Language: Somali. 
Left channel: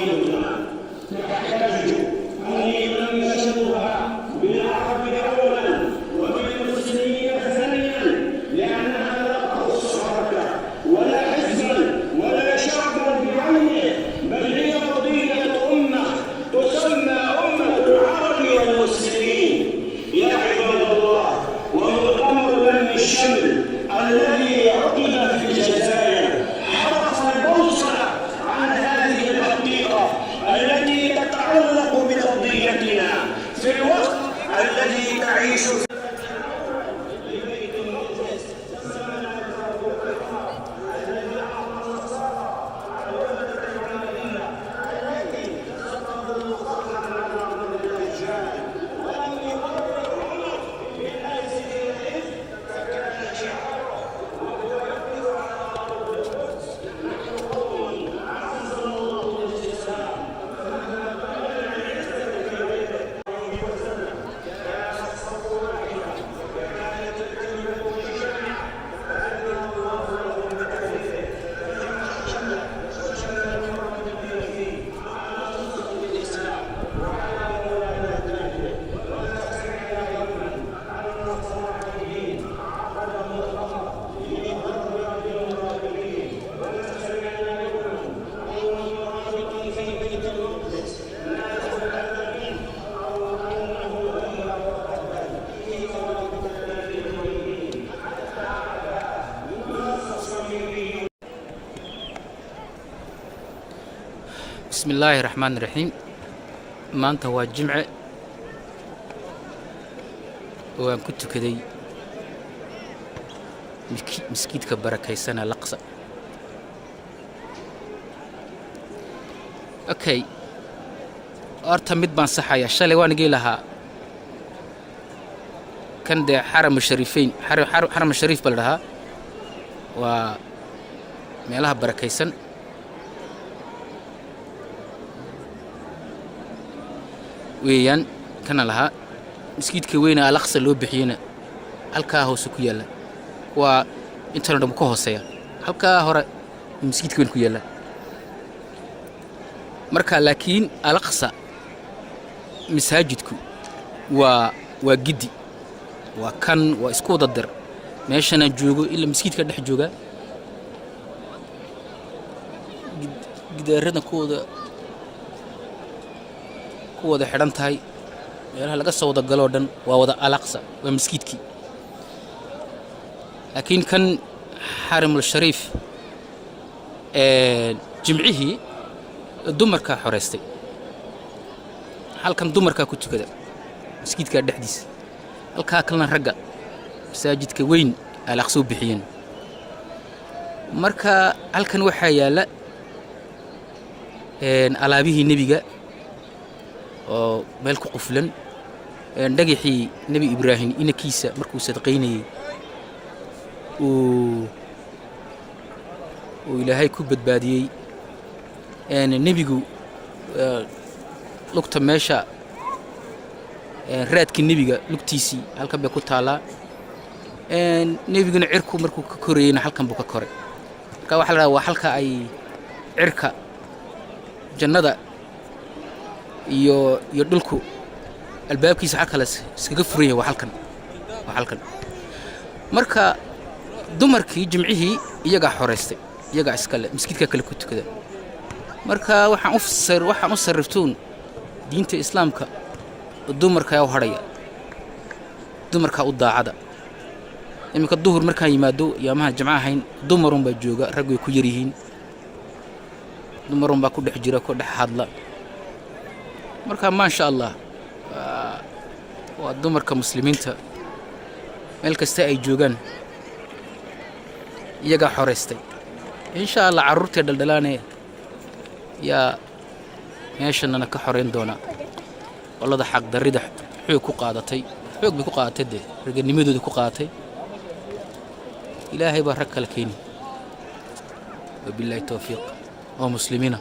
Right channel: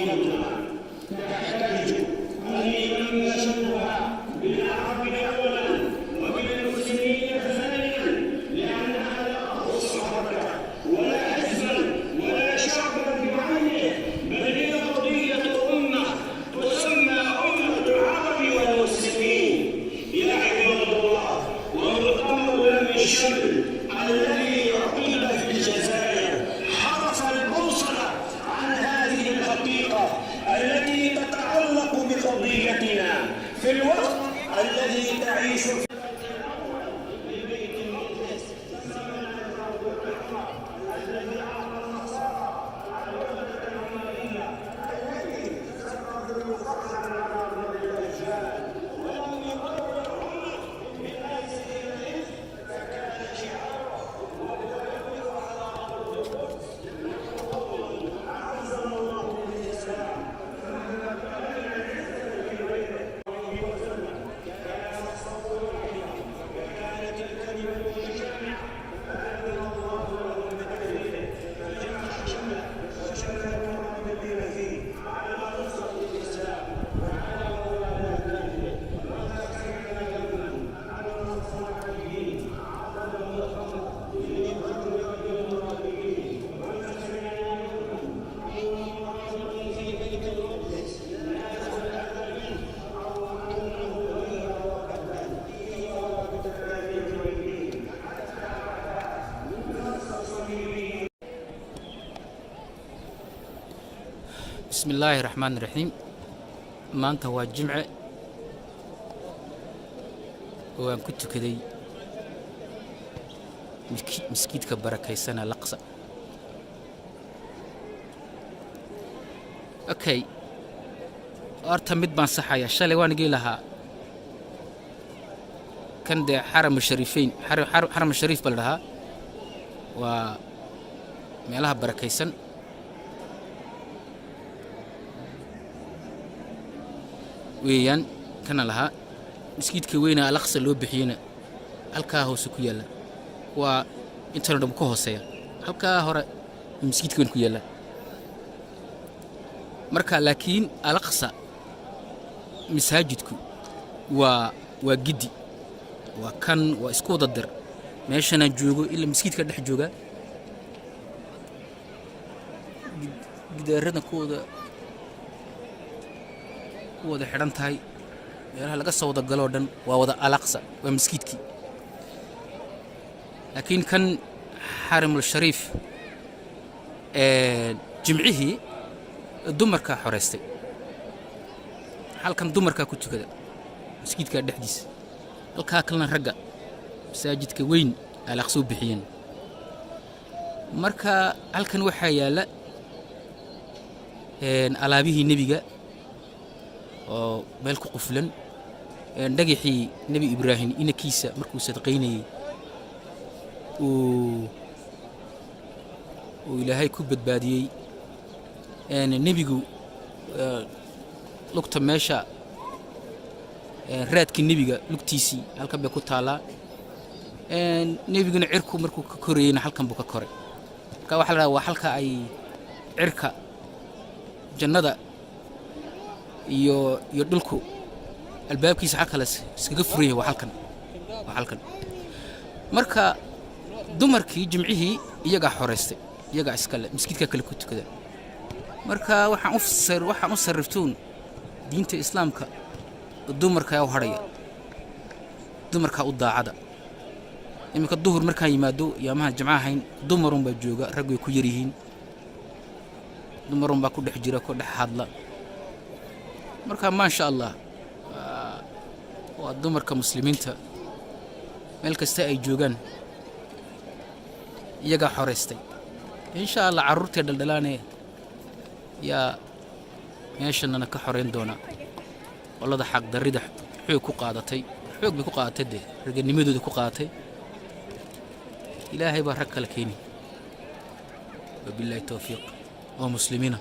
قضيتنا تحتاج أن ينشرها بالعرب أولا وبالمسلمين ثانيا، لأنها لا تخص حركة ولا حزبا ولا شعبا بعينه، بل هي قضية أمة تسمى أمة العرب والمسلمين. يا عباد الله، ومؤتمر لم الشمل الذي عقد في الجزائر حرف البوصلة عن هذه الحقيقة التي تتعلق بقضيتنا في الوقت الذي تعيش فيه. لبيت المقدس زمن الفاروق عمر الذي أعطى النصارى عودة المدينة التي ستظل فخرا على ضد الدجال، ولم يقرر عمر من هذه العز فكان شعاره وهو يقف على أرض القدس: نحن قوم أعزنا الله بالإسلام فمهما بلغنا العزة في غيره عليه وسلم كانت صف واحدة وكانت الكلمة جامعة، فأذن الله له بتأليفه فجمع شمله وشمل المراد فيه على نصرة الإسلام وعلى موالاة أهله، وما سمعنا يوما عن النصرانيين عقد مؤتمر لمنهج المرابطين، وما سمعنا يوما أن مرابطا في بيت المقدس نازل الأذى منه أو أنه غير وقدم في مرابط الدين حتى عرفها الناس الصليبيون. بسم الله الرحمن الرحيم. maanta waa jimce oo aan ku tukaday miskiidka barakaysan Al-Aqsa. Okay, horta mid baan saxaya. Shalay waan igi lahaa kan dee xaram shariifeyn xaram shariif bal dhahaa waa meelaha barakaysan weeyaan. kana lahaa miskiidka weyna Al-Aqsa loo bixiyana halkaa hoose ku yaala, waa inta dhan ku hooseeya. halkaa hore miskiidka weyn ku yaala. marka laakiin Al-Aqsa masaajidku waa gidi, waa kan waa isku wada dar. meeshana joogo ilaa miskiidka dhex jooga gidaarada ku wada xidhan tahay. meelaha laga soo wada galo dhan waa wada Al-Aqsa, waa miskiidkii. laakiin kan xaramul shariif jimcihii dumarka xoreystay. halkan dumarka ku tukada miskiidka dhexdiisa, halkaa kalena ragga masaajidka weyn Al-Aqsa u bixiyeen. marka halkan waxaa yaala alaabihii nebiga oo meel ku quflan, dhagaxii nebi Ibraahim inankiisa markuu sadaqaynayay uu ilaahay ku badbaadiyey. nebigu lugta meesha raadkii nebiga lugtiisii halkan bay ku taalaa. nebiguna cirku markuu ka korayeyna halkan buu ka koray. marka waxaa la dhahaa waa halka ay cirka jannada iyo dhulku albaabkiisa halkaas iskaga furan yahay. waa halkan. marka dumarkii jimcihii iyagaa xoreystay, iyagaa iskale miskiidka kale ku tukada. marka waxaan u sarriftuun diinta islaamka dumarka u hadhaya, dumarka u daacada. iminka duhur markaan yimaado yaamaha jimcaha ahayn dumarun baa jooga, rag way ku yar yihiin. dumarun baa ku dhex jira, ku dhex hadla. marka maasha allah waa dumarka muslimiinta meel kasta ay joogaan iyagaa xoreystay. insha allah carruurtay dhaldhalaanee yaa meeshanana ka xoreyn doona qolada xaqdarrida xoog ku qaadatay. xoog bay ku qaadatay, dee raganimadooda ku qaadatay. ilaahay baa rag kala keeni. wabilaahi tawfiiq oo muslimiina.